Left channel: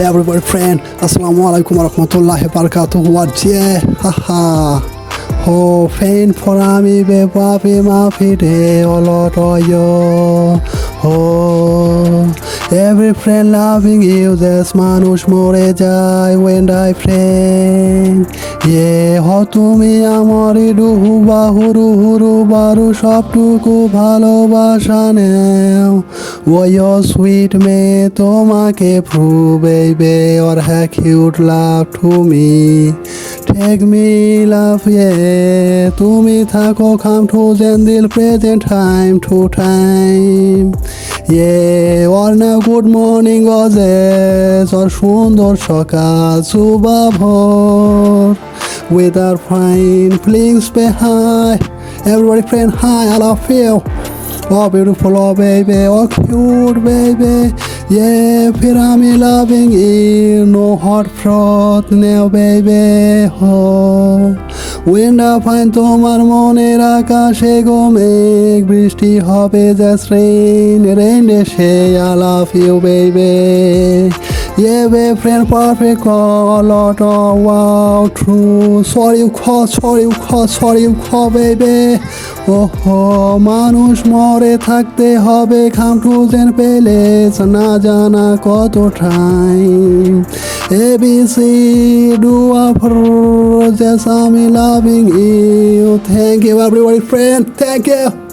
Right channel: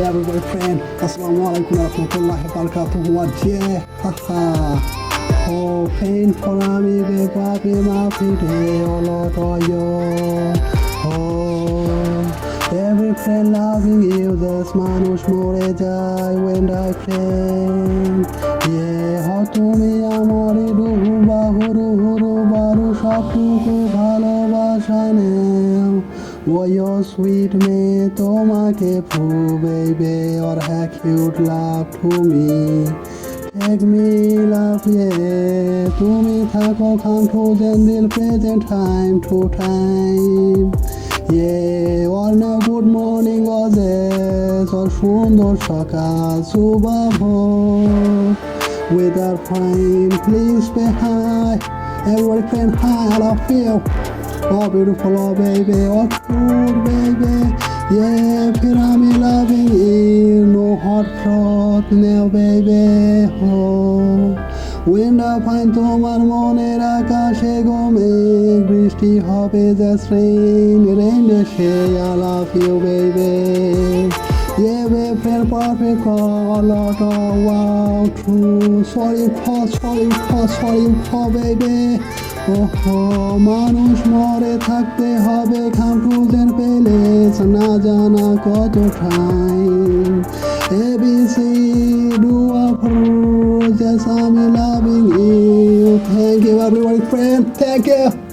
Hey everybody friend, Assalamu alaikum warahmatullahi wabarakatuh. What yeah, haha. Oh, pain for me, baby, my pity, oh Lord, oh yo. Oh, every friend loving you, this manush more jai when I pray. Yeah, ho তুমি আমারে ডুহু বাহুরু হুরু Bahru সবটুকু ভালোবাসা নেও ও your sweet মেয়ে তোমাকে prove baby or a cute love to me take me love yeah তুমি থাকো come to জেন্দিল present time to time yeah or now good morning গজেস or সুন্দর সকাল সুবাভোর with our fine please say hi everybody friend hi I love you oh beautiful oh baby oh cute baby yeah feel I'm loving you no hot froth now baby oh when I find তোমার মনের আকাশে গো মেঘ বৃষ্টি হবে just rain rain say I love you baby yeah baby friend perfect call lot of wow true sorry you call baby মানুষ মরে থাকতে হবে খামটুজেন পেলে না জানা কত টাইম এবিসি ডুয়া ফর জাস্ট আমি loving you thank you everybody friend thank you